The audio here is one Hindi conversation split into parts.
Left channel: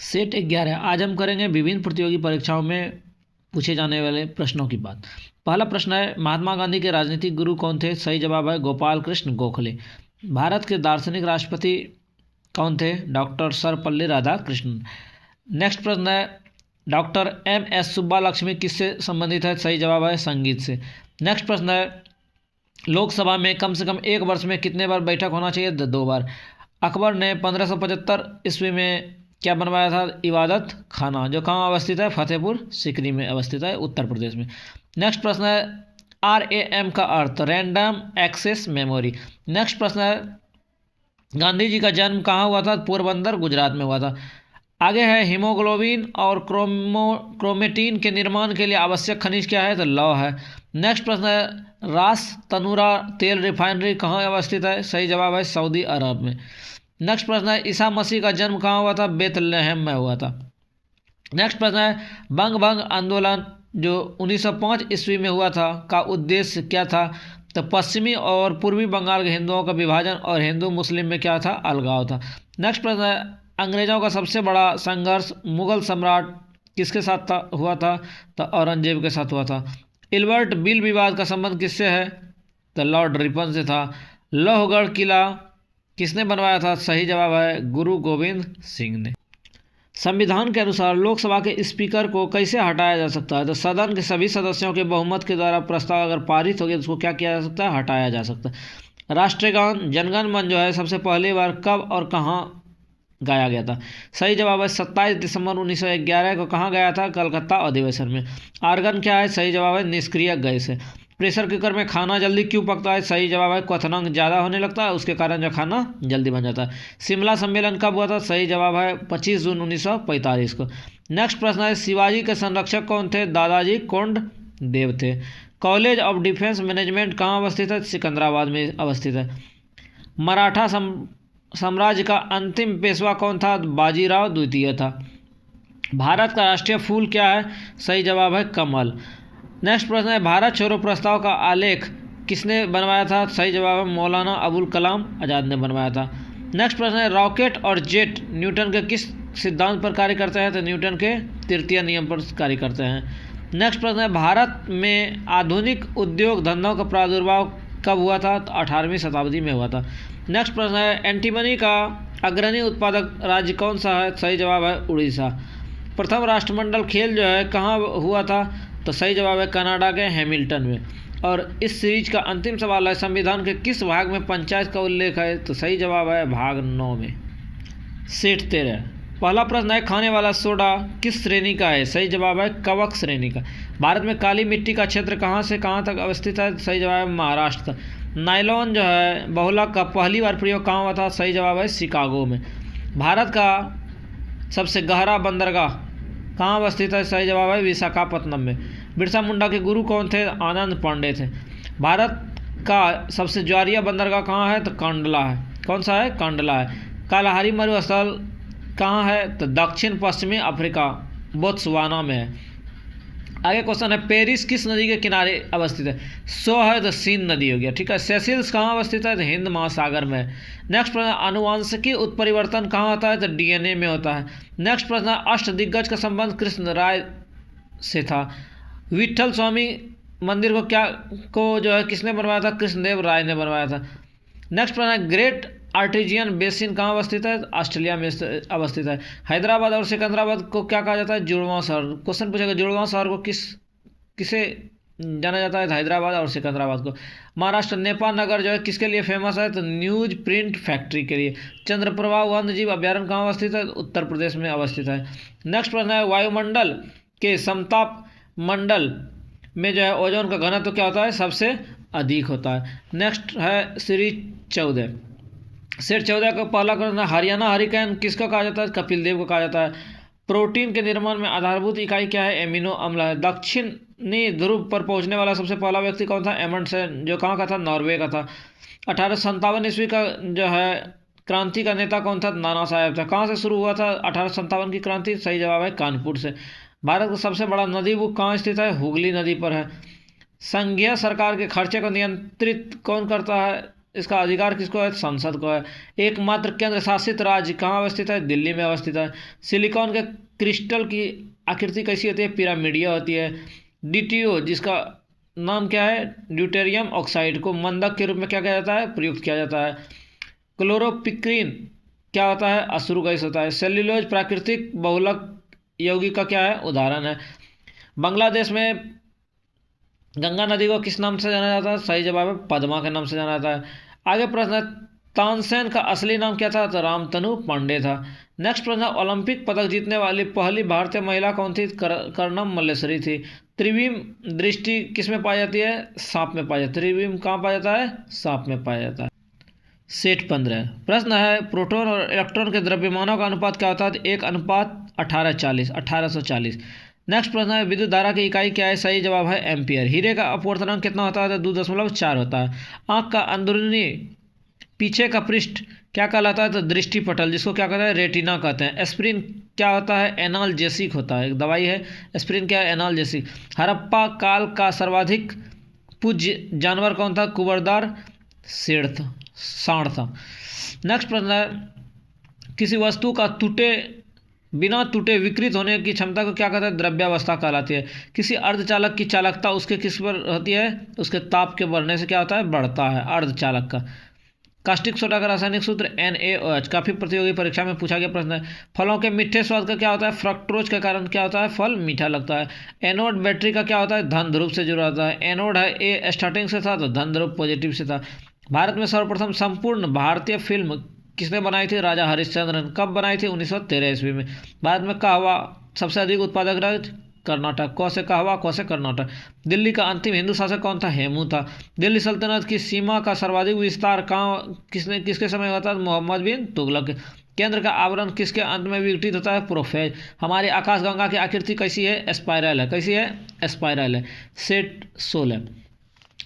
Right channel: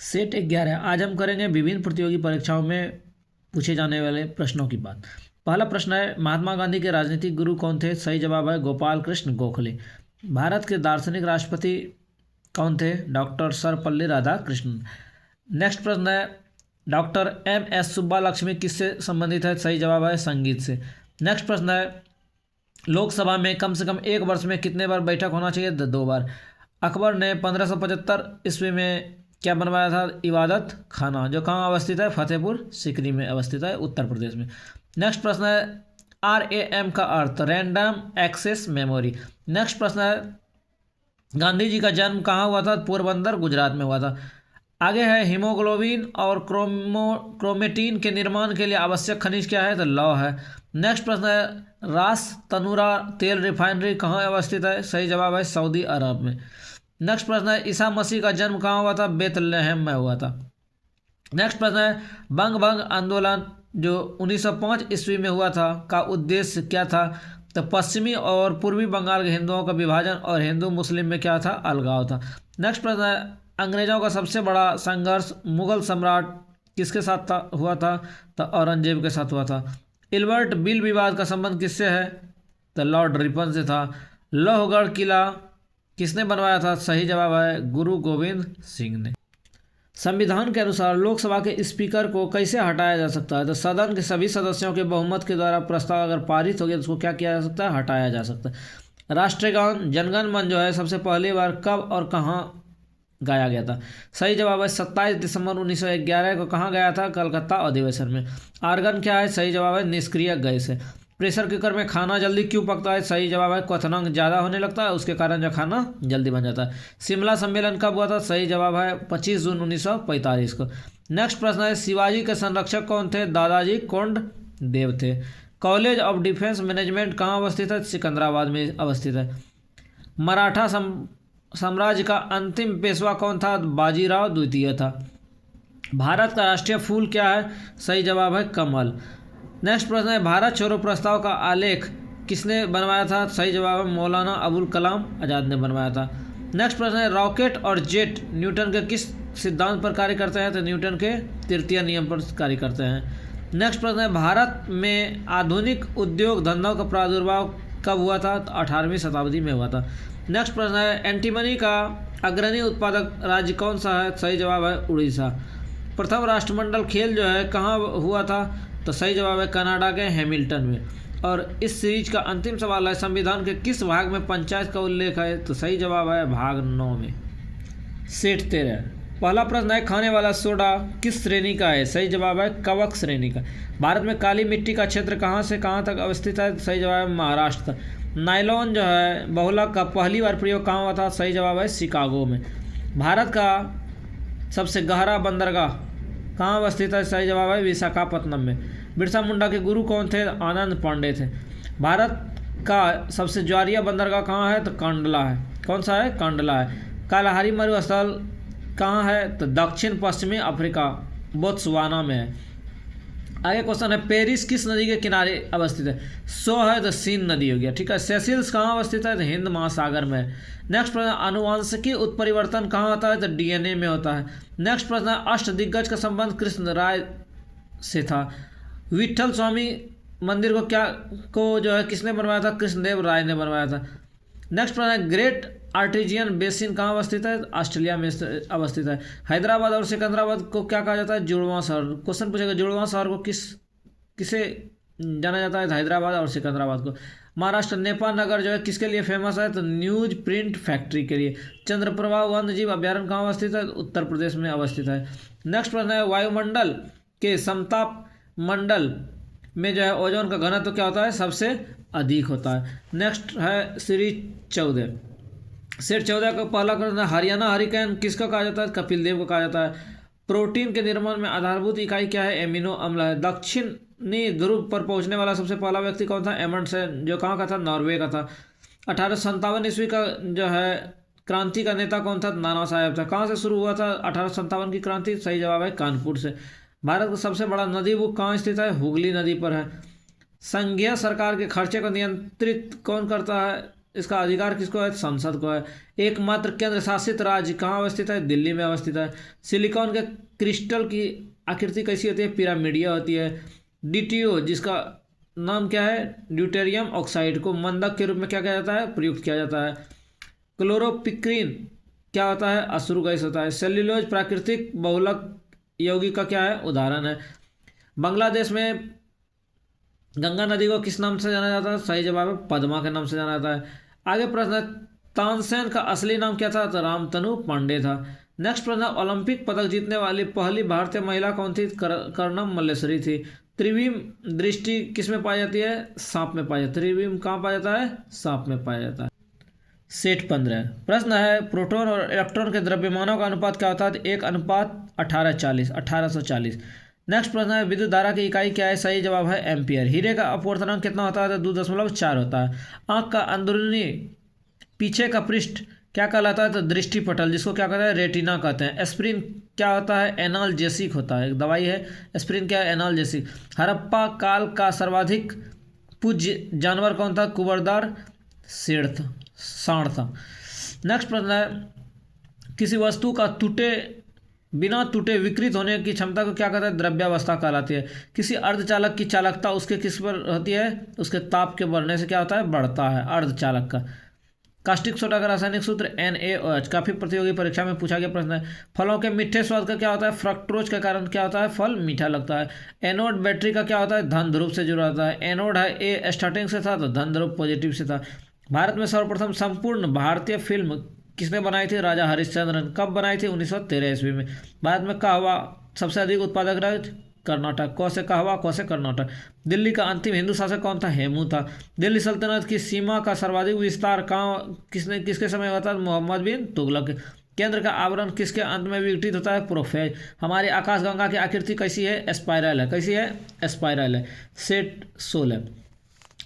सेट 11 आज हम करेंगे विभिन्न प्रतियोगी परीक्षाओं में पूछे जाने वाले प्रश्नों की बात। पहला प्रश्न है, महात्मा गांधी के राजनीतिक गुरु कौन थे? सही जवाब है गोपाल कृष्ण गोखले। भारत के दार्शनिक राष्ट्रपति कौन थे? डॉक्टर सर्वपल्ली राधाकृष्णन। नेक्स्ट प्रश्न है, डॉक्टर एम.एस. सुब्बालक्ष्मी किससे संबंधित है? सही जवाब है संगीत से। नेक्स्ट प्रश्न है, लोकसभा में कम से कम एक वर्ष में कितने बार बैठक होना चाहिए? 2 बार। अकबर ने 1575 ईस्वी में क्या बनवाया था? इबादत खाना, जो कहाँ अवस्थित है? फतेहपुर सीकरी में अवस्थित है, उत्तर प्रदेश में। नेक्स्ट प्रश्न है, RAM का अर्थ? Random access memory. नेक्स्ट प्रश्न है, गांधी जी का जन्म कहाँ हुआ था? पोरबंदर गुजरात में हुआ था। आगे है, हीमोग्लोबिन और क्रोमेटिन के निर्माण के लिए आवश्यक खनिज क्या है? तो लौह है। नेक्स्ट प्रश्न है, रास तनूरा तेल रिफाइनरी कहाँ अवस्थित है? सही जवाब है सऊदी अरब में। नेक्स्ट प्रश्न है, ईसा मसीह का जन्म कहाँ हुआ था? बेथलेहम में हुआ था। नेक्स्ट प्रश्न है, बंग भंग आंदोलन जो 1905 ईस्वी में हुआ था का उद्देश्य क्या था? तो पश्चिमी और पूर्वी बंगाल के हिंदुओं का विभाजन और हिंदू मुस्लिम में क्या था? अलगाव था। नेक्स्ट प्रश्न है, अंग्रेजों का सबसे बड़ा संघर्ष मुगल सम्राट किसके साथ हुआ था? तो औरंगजेब के साथ हुआ था। इल्बर्ट बिल विवाद का संबंध किससे है? तो लॉर्ड रिपन से था। लोहगढ़ किला किसने बनवाया था? सही जवाब है गुरु गोविंद सिंह ने। संविधान के अनुसार लोकसभा के स्पीकर को कैसे हटाया जा सकता है? तो सदन के सभी सदस्यों के बहुमत के द्वारा प्रस्ताव अगर पारित हो गया तो उसको क्या किया जा सकता है? हटाया जा सकता है। राष्ट्रीय गान जनगण मन जो है सबसे पहली बार कब और कहाँ गाया गया था? सही जवाब है 27 दिसंबर 1911 को। कहाँ गया था? कलकत्ता अधिवेशन में। आर्गन क्या है? सही जवाब है निष्क्रिय गैस है। प्रेशर कुकर में खाना जल्दी क्यों पकता है? सही जवाब है क्वथनांक ज़्यादा होने लगता है, उसके कारण जो खाना जल्दी बन जाता है। शिमला सम्मेलन कब हुआ था? सही जवाब है 25 जून 1945 को। नेक्स्ट प्रश्न है, शिवाजी के संरक्षक कौन थे? दादाजी कोंडदेव थे। कॉलेज ऑफ डिफेंस मैनेजमेंट कहाँ अवस्थित है? सिकंदराबाद में अवस्थित है। मराठा साम्राज्य का अंतिम पेशवा कौन था? बाजीराव द्वितीय था। भारत का राष्ट्रीय फूल क्या है? सही जवाब है कमल। नेक्स्ट प्रश्न है, भारत छोड़ो प्रस्ताव का आलेख किसने बनवाया था? सही जवाब है मौलाना अबुल कलाम आज़ाद ने बनवाया था। नेक्स्ट प्रश्न है, रॉकेट और जेट न्यूटन के किस सिद्धांत पर कार्य करते हैं? तो न्यूटन के तृतीय नियम पर कार्य करते हैं। नेक्स्ट प्रश्न है, भारत में आधुनिक उद्योग धंधों का प्रादुर्भाव कब हुआ था? तो 18वीं शताब्दी में हुआ था। नेक्स्ट प्रश्न है, एंटीमनी का अग्रणी उत्पादक राज्य कौन सा है? सही जवाब है उड़ीसा। प्रथम राष्ट्रमंडल खेल जो है कहाँ हुआ था? तो सही जवाब है कनाडा के हैमिल्टन में। और इस सीरीज का अंतिम सवाल है, संविधान के किस भाग में पंचायत का उल्लेख है? तो सही जवाब है भाग 9 में। सेट 13 पहला प्रश्न है, खाने वाला सोडा किस श्रेणी का है? सही जवाब है कवक श्रेणी का। भारत में काली मिट्टी का क्षेत्र कहाँ से कहाँ तक अवस्थित है? सही जवाब है महाराष्ट्र। नायलॉन जो है बहुलक का पहली बार प्रयोग कहाँ हुआ था? सही जवाब है शिकागो में। भारत का सबसे गहरा बंदरगाह कहाँ अवस्थित है? सही जवाब है विशाखापत्तनम में। बिरसा मुंडा के गुरु कौन थे? आनंद पांडे थे। भारत का सबसे ज्वारीय बंदरगाह कहाँ है? तो कांडला है। कौन सा है? कांडला है। कालाहारी मरुस्थल कहाँ है? तो दक्षिण पश्चिमी अफ्रीका बोत्सवाना में है। आगे क्वेश्चन है, पेरिस किस नदी के किनारे अवस्थित है? सो है तो सीन नदी हो गया, ठीक है। सेसिल्स कहाँ अवस्थित है? तो हिंद महासागर में है। नेक्स्ट प्रश्न, आनुवांशिकी उत्परिवर्तन कहाँ होता है? तो DNA में होता है। नेक्स्ट प्रश्न है, अष्टदिग्गज का संबंध कृष्ण राय से था। विठल स्वामी मंदिर को जो है किसने बनवाया था? कृष्णदेव राय ने बनवाया था। नेक्स्ट प्रश्न है, ग्रेट आर्टेजियन बेसिन कहाँ अवस्थित है? ऑस्ट्रेलिया में अवस्थित है। हैदराबाद और सिकंदराबाद को क्या कहा जाता है? जुड़वां शहर। क्वेश्चन पूछेगा, जुड़वां शहर को किसे जाना जाता है? हैदराबाद और सिकंदराबाद को। महाराष्ट्र नेपाल नगर जो है किसके लिए फेमस है? तो न्यूज प्रिंट फैक्ट्री के लिए। चंद्रप्रभा वन्य जीव अभ्यारण्य कहाँ अवस्थित है? उत्तर प्रदेश में अवस्थित है। नेक्स्ट प्रश्न है, वायुमंडल के समताप मंडल में जो है ओजोन का घनत्व तो क्या होता है? सबसे अधिक होता है। नेक्स्ट है सीरीज 14 सेट 14 का पहला प्रश्न, हरियाणा हरिकेन किसका कहा जाता है? कपिल देव को कहा जाता है। प्रोटीन के निर्माण में आधारभूत इकाई क्या है? एमिनो अम्ल है। दक्षिणी ध्रुव पर पहुंचने वाला सबसे पहला व्यक्ति कौन था? एमंडसेन, जो कहाँ का था? नॉर्वे का था। 1857 ईस्वी का जो है क्रांति का नेता कौन था? नाना साहेब था। कहाँ से शुरू हुआ था 1857 की क्रांति? सही जवाब है कानपुर से। भारत का सबसे बड़ा नदी बुक कहाँ स्थित है? हुगली नदी पर है। संघीय सरकार के खर्चे को नियंत्रित कौन करता है? इसका अधिकार किसको है? संसद को है। एकमात्र केंद्र शासित राज्य कहाँ अवस्थित है? दिल्ली में अवस्थित है। सिलिकॉन के क्रिस्टल की आकृति कैसी होती है? पिरामिडीय होती है। DTO जिसका नाम क्या है? ड्यूटेरियम ऑक्साइड को मंदक के रूप में क्या किया जाता है? प्रयुक्त किया जाता है। क्लोरोपिक्रीन क्या होता है? अश्रु गैस होता है। सेल्यूलोज प्राकृतिक बहुलक यौगिक का क्या है? उदाहरण है। बांग्लादेश में गंगा नदी को किस नाम से जाना जाता है? सही जवाब है पद्मा के नाम से जाना जाता है। आगे प्रश्न है, तानसेन का असली नाम क्या था? तो रामतनु पांडे था। नेक्स्ट प्रश्न है, ओलंपिक पदक जीतने वाली पहली भारतीय महिला कौन थी? कर्णम मल्लेश्वरी थी। त्रिविम दृष्टि किस में पाई जाती है? सांप में पाई जाती है। त्रिविम कहाँ पाया जाता है? सांप में पाया जाता है। सेट 15 प्रश्न है, प्रोटॉन और इलेक्ट्रॉन के द्रव्यमानों का अनुपात क्या होता है? 1:1840 1840। नेक्स्ट प्रश्न है, विद्युत धारा की इकाई क्या है? सही जवाब है एम्पियर। हीरे का अपवर्तनांक कितना होता है? तो 2.4 होता है। आंख का अंदरूनी पीछे का पृष्ठ क्या कहलाता है? तो दृष्टि पटल, जिसको क्या कहते हैं? रेटिना कहते हैं। एस्प्रिन क्या होता है? एनाल्जेसिक होता है, एक दवाई है। एस्प्रिन क्या है? एनाल्जेसिक। हड़प्पा काल का सर्वाधिक पूज्य जानवर कौन था? कुबरदार सांड था। नेक्स्ट प्रश्न है, किसी वस्तु का बिना टूटे विकृत होने की क्षमता को क्या कहते हैं? द्रव्यावस्था कहलाती है। किसी अर्धचालक की चालकता उसके किस पर होती है? उसके ताप के बढ़ने से क्या होता है? बढ़ता है अर्धचालक का। कास्टिक सोडा का रासायनिक सूत्र NaOH। काफी प्रतियोगी परीक्षा में पूछा गया प्रश्न है। फलों के मीठे स्वाद का क्या होता है? फ्रक्टोज के कारण क्या होता है? फल मीठा लगता है। एनोड बैटरी का क्या होता है? धन ध्रुव से जुड़ा होता है। एनोड है A स्टार्टिंग से था तो धन ध्रुव पॉजिटिव से था। भारत में सर्वप्रथम संपूर्ण भारतीय फिल्म किसने बनाई थी? राजा हरिश्चंद्रन। कब बनाई थी? 1913 ईस्वी में। भारत में कहवा सबसे अधिक उत्पादक राज्य? कर्नाटक। क से कहवा, क से कर्नाटक। दिल्ली का अंतिम हिंदू शासक कौन था? हेमू था। दिल्ली सल्तनत की सीमा का सर्वाधिक विस्तार किसके समय हुआ था? मोहम्मद बिन तुगलक। केंद्र का आवरण किसके अंत में विघटित होता है? प्रोफेज। हमारे आकाशगंगा की आकृति कैसी है? स्पाइरल है। कैसी है? स्पाइरल है। सेट 16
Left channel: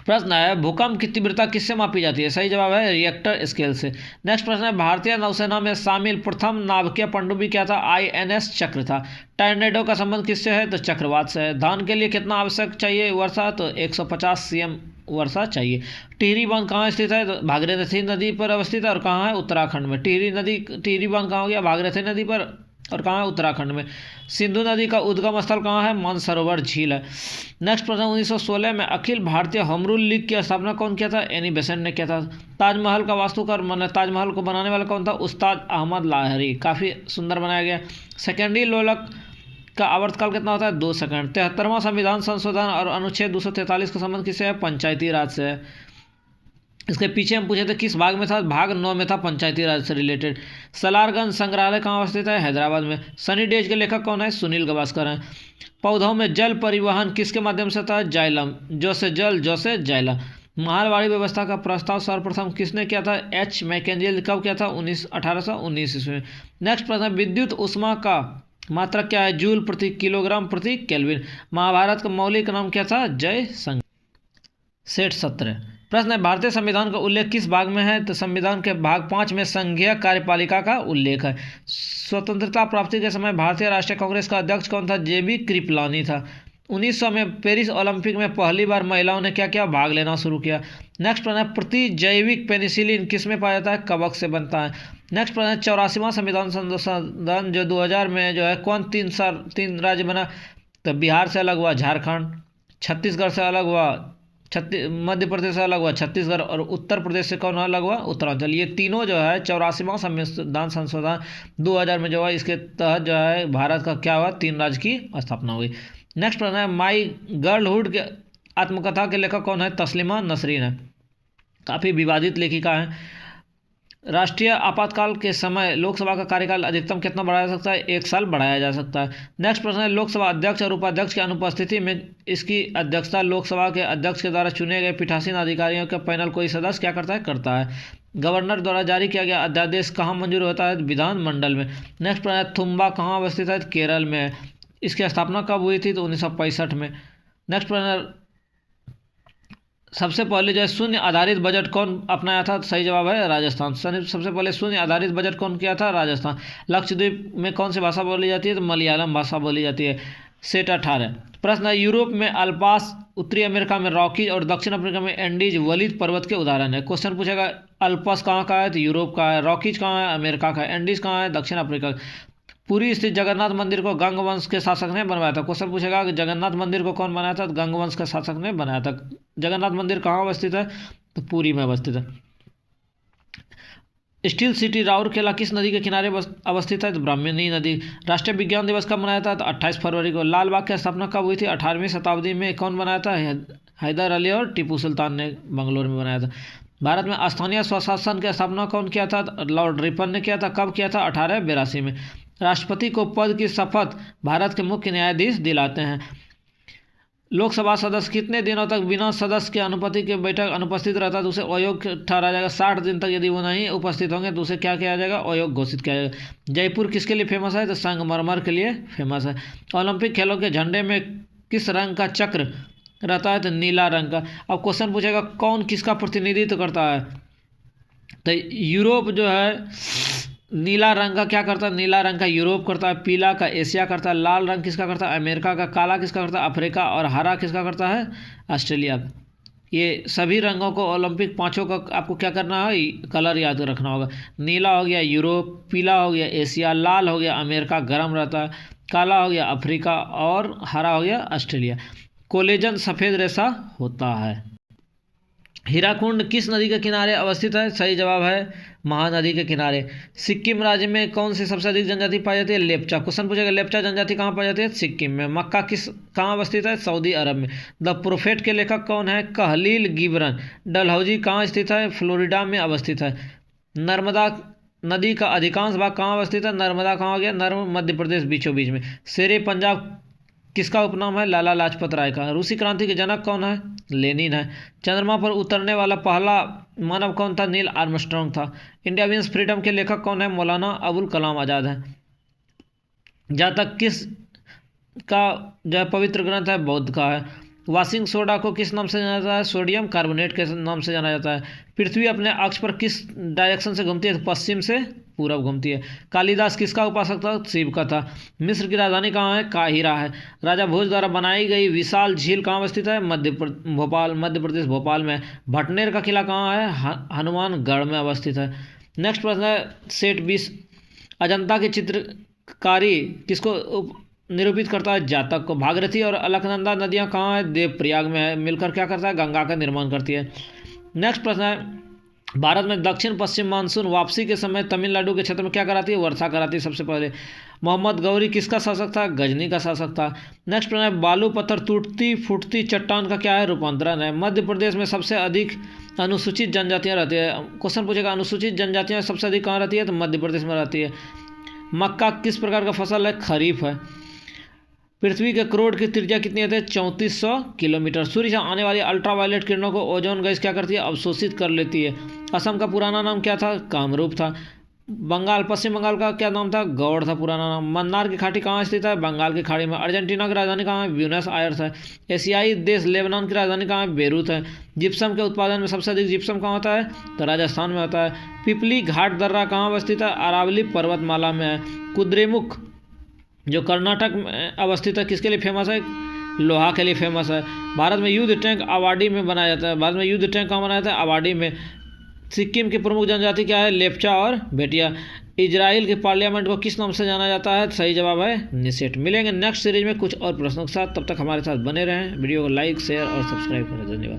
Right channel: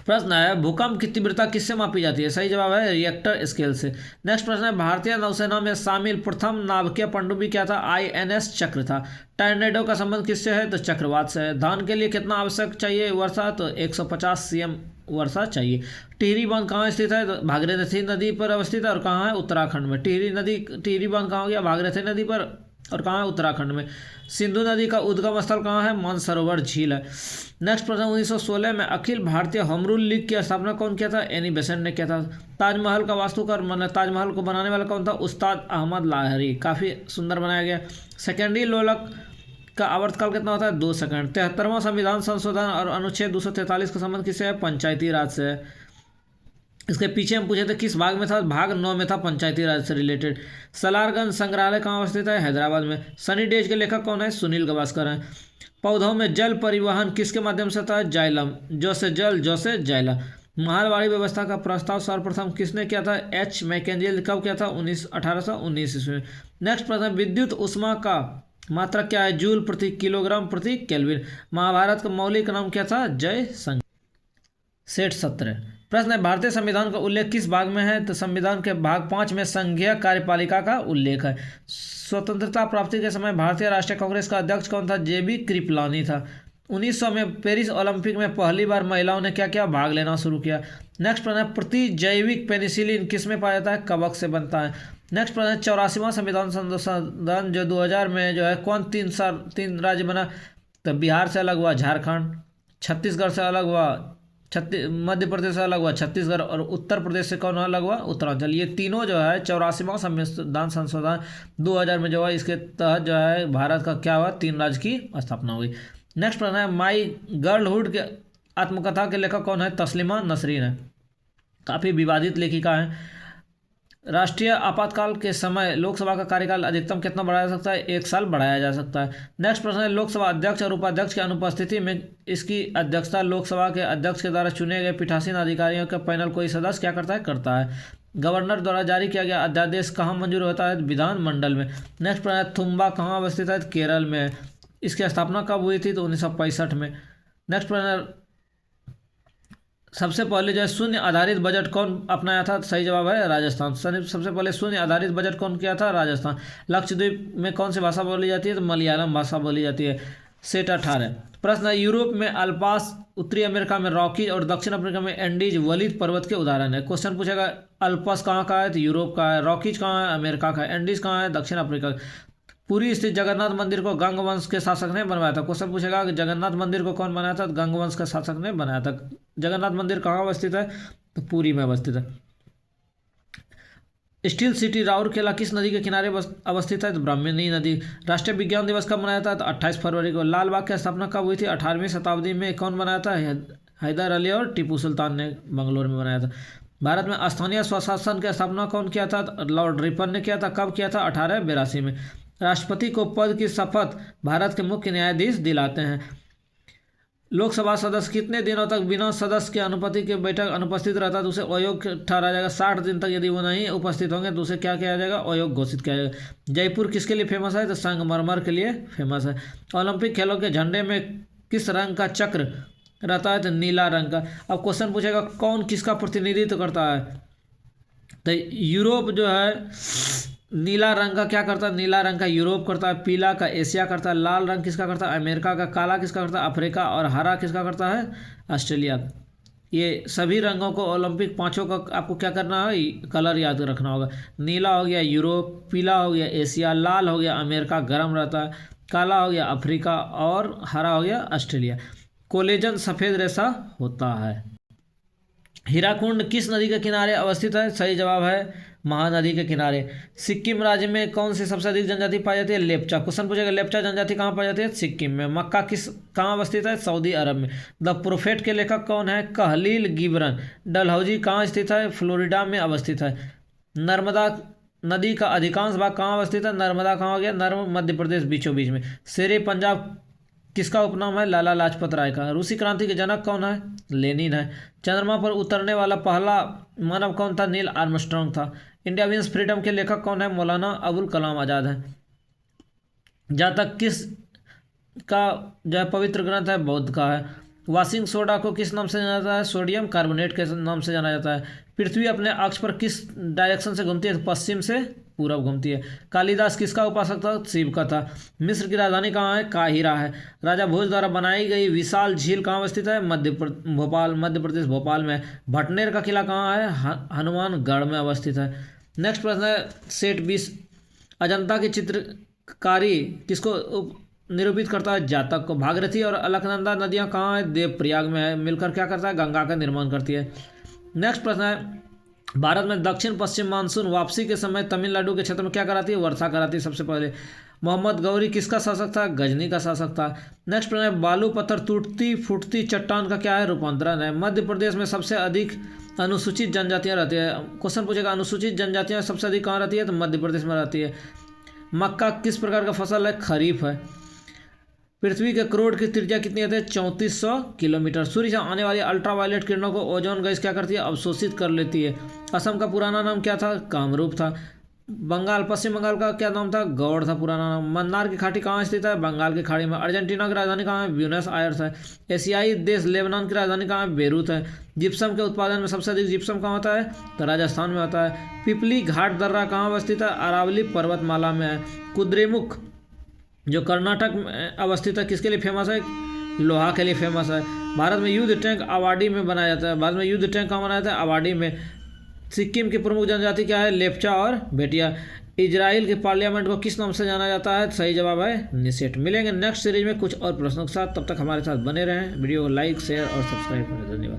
प्रश्न है, भूकंप की तीव्रता किससे मापी जाती है? सही जवाब है रिएक्टर स्केल से। नेक्स्ट प्रश्न है, भारतीय नौसेना में शामिल प्रथम नाभिकीय पनडुब्बी क्या था? INS चक्र था। टर्नेडो का संबंध किससे है? तो चक्रवात से है। धान के लिए कितना आवश्यक चाहिए वर्षा? तो 150 CM वर्षा चाहिए। टिहरी बांध कहाँ स्थित है? तो भागीरथी नदी पर अवस्थित है। और कहाँ है? उत्तराखंड में। टिहरी बांध कहाँ हो गया? भागीरथी नदी पर। और कहाँ है? उत्तराखंड में। सिंधु नदी का उद्गम स्थल कहाँ है? मानसरोवर झील है। नेक्स्ट प्रश्न, 1916 में Akhil Bharatiya home rule league की स्थापना कौन किया था? एनी बेसेंट ने किया था। ताजमहल का वास्तुकार ताजमहल को बनाने वाला कौन था? उस्ताद अहमद लाहरी। काफ़ी सुंदर बनाया गया। सेकेंडरी लोलक का आवर्तकाल कितना होता है? 2 सेकंड। 73वां संविधान संशोधन और अनुच्छेद 243 का संबंध किससे है? पंचायती राज से है। इसके पीछे हम पूछे थे किस भाग में था? भाग 9 में था, पंचायती राज से रिलेटेड। सलारगंज संग्रहालय कहाँ अवस्थित है? हैदराबाद में। सनी डेज के लेखक कौन है? सुनील गावस्कर हैं। पौधों में जल परिवहन किसके माध्यम से था? जाइलम। जो से जल, जो से जाइलम। महलवाड़ी व्यवस्था का प्रस्ताव सर्वप्रथम किसने किया था? H Mackenzie. कब किया था? 1819 ईस्वी में। नेक्स्ट प्रश्न, विद्युत ऊष्मा का मात्रक क्या है? जूल प्रति किलोग्राम प्रति केल्विन। महाभारत का मौलिक नाम क्या था? जय संघ। सेट 17 प्रश्न है, भारतीय संविधान का उल्लेख किस भाग में है? तो संविधान के भाग 5 में संघीय कार्यपालिका का उल्लेख है। स्वतंत्रता प्राप्ति के समय भारतीय राष्ट्रीय कांग्रेस का अध्यक्ष कौन था? JB कृपलानी था। 1900 में पेरिस ओलंपिक में पहली बार महिलाओं ने क्या किया? भाग लेना शुरू किया। नेक्स्ट प्रश्न है, प्रतिजैविक पेनिसिलिन किस में पाया जाता है? कवक से बनता है। नेक्स्ट प्रश्न है, 84वां संविधान संशोधन जो 2000 में जो है कौन 3 राज्य बना? तो बिहार से अलग हुआ झारखंड, छत्तीसगढ़ से अलग हुआ मध्य प्रदेश से अलग हुआ छत्तीसगढ़, और उत्तर प्रदेश से कौन अलग हुआ? उत्तरांचल। ये तीनों जो है 84वां संविधान संशोधन 2000 में जो है इसके तहत जो है भारत का क्या हुआ? 3 राज्य की स्थापना हुई। नेक्स्ट प्रश्न है, माई गर्लहुड के आत्मकथा के लेखक कौन है? तस्लीमा नसरीन है। काफ़ी विवादित लेखिका है। राष्ट्रीय आपातकाल के समय लोकसभा का कार्यकाल अधिकतम कितना बढ़ाया जा सकता है? 1 साल बढ़ाया जा सकता है। नेक्स्ट प्रश्न है, लोकसभा अध्यक्ष और उपाध्यक्ष की अनुपस्थिति में इसकी अध्यक्षता लोकसभा के अध्यक्ष के द्वारा चुने गए पीठासीन अधिकारियों का पैनल कोई सदस्य क्या करता है? करता है। गवर्नर द्वारा जारी किया गया अध्यादेश कहाँ मंजूर होता है? विधानमंडल में। नेक्स्ट प्रश्न है, थुम्बा कहाँ अवस्थित है? केरल में। इसकी स्थापना कब हुई थी? तो 1965 में। नेक्स्ट प्रश्न है, सबसे पहले जो है शून्य आधारित बजट कौन अपनाया था? सही जवाब है राजस्थान। सबसे पहले शून्य आधारित बजट कौन किया था? राजस्थान। लक्षद्वीप में कौन सी भाषा बोली जाती है? तो मलयालम भाषा बोली जाती है। सेट 18। प्रश्न है, यूरोप में अल्पास, उत्तरी अमेरिका में रॉकी और दक्षिण अफ्रीका में एंडीज वलीद पर्वत के उदाहरण है। क्वेश्चन पूछेगा अल्पास कहाँ का है, तो यूरोप का है। रॉकीज कहाँ है, अमेरिका का है। एंडीज कहाँ है, दक्षिण अफ्रीका। पुरी स्थित जगन्नाथ मंदिर को गंग वंश के शासक ने बनवाया था। क्वेश्चन पूछेगा कि जगन्नाथ मंदिर को कौन बनाया था, तो गंग वंश के शासक ने बनाया था। जगन्नाथ मंदिर कहाँ अवस्थित है, तो पुरी में अवस्थित है। स्टील सिटी राउरकेला किस नदी के किनारे अवस्थित है, तो ब्राह्मणी नदी। राष्ट्रीय विज्ञान दिवस कब मनाया था, तो 28 फरवरी को। लाल बाग की स्थापना कब हुई थी, 18वीं शताब्दी में। कौन बनाया था, हैदर अली और टीपू सुल्तान ने बंगलोर में बनाया था। भारत में स्थानीय स्वशासन की स्थापना कौन किया था, तो लॉर्ड रिपन ने किया था। कब किया था, 1882 में। राष्ट्रपति को पद की शपथ भारत के मुख्य न्यायाधीश दिलाते हैं। लोकसभा सदस्य कितने दिनों तक बिना सदस्य के अनुपस्थिति के बैठक अनुपस्थित रहता है, तो उसे अयोग्य ठहराया जाएगा। 60 दिन तक यदि वो नहीं उपस्थित होंगे तो उसे क्या किया जाएगा, अयोग्य घोषित किया जाएगा। जयपुर किसके लिए फेमस है, तो संगमरमर के लिए फेमस है। ओलंपिक खेलों के झंडे में किस रंग का चक्र रहता है, तो नीला रंग का। अब क्वेश्चन पूछेगा कौन किसका प्रतिनिधित्व करता है, तो यूरोप जो है नीला रंग का क्या करता है, नीला रंग का यूरोप करता है। पीला का एशिया करता है। लाल रंग किसका करता है, अमेरिका का। काला किसका करता है, अफ्रीका। और हरा किसका करता है, ऑस्ट्रेलिया का। ये सभी रंगों को ओलंपिक पांचों का आपको क्या करना है, कलर याद रखना होगा। नीला हो गया यूरोप, पीला हो गया एशिया, लाल हो गया अमेरिका गर्म रहता है, काला हो गया अफ्रीका और हरा हो गया ऑस्ट्रेलिया। कोलेजन सफ़ेद रेशा होता है। हीराकुंड किस नदी के किनारे अवस्थित है, सही जवाब है महानदी के किनारे। सिक्किम राज्य में कौन सी सबसे अधिक जनजाति पाई जाती है, लेप्चा। क्वेश्चन पूछेगा लेप्चा जनजाति कहाँ पाई जाती है, सिक्किम में। मक्का कहाँ अवस्थित है, सऊदी अरब में। द प्रोफेट के लेखक कौन है, कलील गिब्रन। डलहौजी कहाँ स्थित है, फ्लोरिडा में अवस्थित है। नर्मदा नदी का अधिकांश भाग कहाँ अवस्थित है, नर्मदा कहाँ हो गया, मध्य प्रदेश बीचों बीच में। शेरे पंजाब किसका उपनाम है, लाला लाजपत राय का। रूसी क्रांति के जनक कौन है, लेनिन है। चंद्रमा पर उतरने वाला पहला मानव कौन था, नील आर्मस्ट्रॉन्ग था। इंडिया विंस फ्रीडम के लेखक कौन है, मौलाना अबुल कलाम आज़ाद है। जातक किस का जो है पवित्र ग्रंथ है, बौद्ध का है। वॉशिंग सोडा को किस नाम से जाना जाता है, सोडियम कार्बोनेट के नाम से जाना जाता है। पृथ्वी अपने अक्ष पर किस डायरेक्शन से घूमती है, पश्चिम से पूरब घूमती है। कालिदास किसका उपासक था, शिव का था। मिस्र की राजधानी कहाँ है, काहिरा है। राजा भोज द्वारा बनाई गई विशाल झील कहाँ अवस्थित है, मध्य प्रदेश भोपाल में। भटनेर का किला कहाँ है, हनुमानगढ़ में अवस्थित है। नेक्स्ट प्रश्न है सेट 20। अजंता की चित्रकारी किसको निरूपित करता है, जातक को। भागीरथी और अलकनंदा नदियाँ कहाँ है, देवप्रयाग में है। मिलकर क्या करता है, गंगा का निर्माण करती है। नेक्स्ट प्रश्न है भारत में दक्षिण पश्चिम मानसून वापसी के समय तमिलनाडु के क्षेत्र में क्या कराती है, वर्षा कराती है सबसे पहले। मोहम्मद गौरी किसका शासक था, गजनी का शासक था। नेक्स्ट प्रश्न है बालू पत्थर टूटती फूटती चट्टान का क्या है, रूपांतरण है। मध्य प्रदेश में सबसे अधिक अनुसूचित जनजातियाँ रहती है। क्वेश्चन पूछेगा अनुसूचित जनजातियाँ सबसे अधिक कहाँ रहती है, तो मध्य प्रदेश में रहती है। मक्का किस प्रकार का फसल है, खरीफ है। पृथ्वी के क्रोड की त्रिज्या कितनी है, 3400 किलोमीटर। सूर्य से आने वाली अल्ट्रावायलेट किरणों को ओजोन गैस क्या करती है, अवशोषित कर लेती है। असम का पुराना नाम क्या था, कामरूप था। पश्चिम बंगाल का क्या नाम था, गौड़ था पुराना नाम। मन्नार की घाटी कहाँ स्थित है, बंगाल की खाड़ी में। अर्जेंटीना की राजधानी कहाँ है, ब्यूनस आयर्स है। एशियाई देश लेबनान की राजधानी कहाँ है, बेरूत है। जिप्सम के उत्पादन में सबसे अधिक जिप्सम कहाँ होता है, तो राजस्थान में होता है। पिपली घाट दर्रा कहाँ अवस्थित है, अरावली पर्वतमाला में है। कुद्रेमुख जो कर्नाटक में अवस्थित है किसके लिए फेमस है, लोहा के लिए फेमस है। भारत में युद्ध टैंक आबाडी में बनाया जाता है। भारत में युद्ध टैंक कहाँ बनाया जाता है, आबाडी में। सिक्किम की प्रमुख जनजाति क्या है, लेप्चा और भेटिया। इजराइल के पार्लियामेंट को किस नाम से जाना जाता है, सही जवाब है निसेट। मिलेंगे नेक्स्ट सीरीज में कुछ और प्रश्नों के साथ, तब तक हमारे साथ बने रहें। वीडियो को लाइक शेयर और सब्सक्राइब करें। धन्यवाद।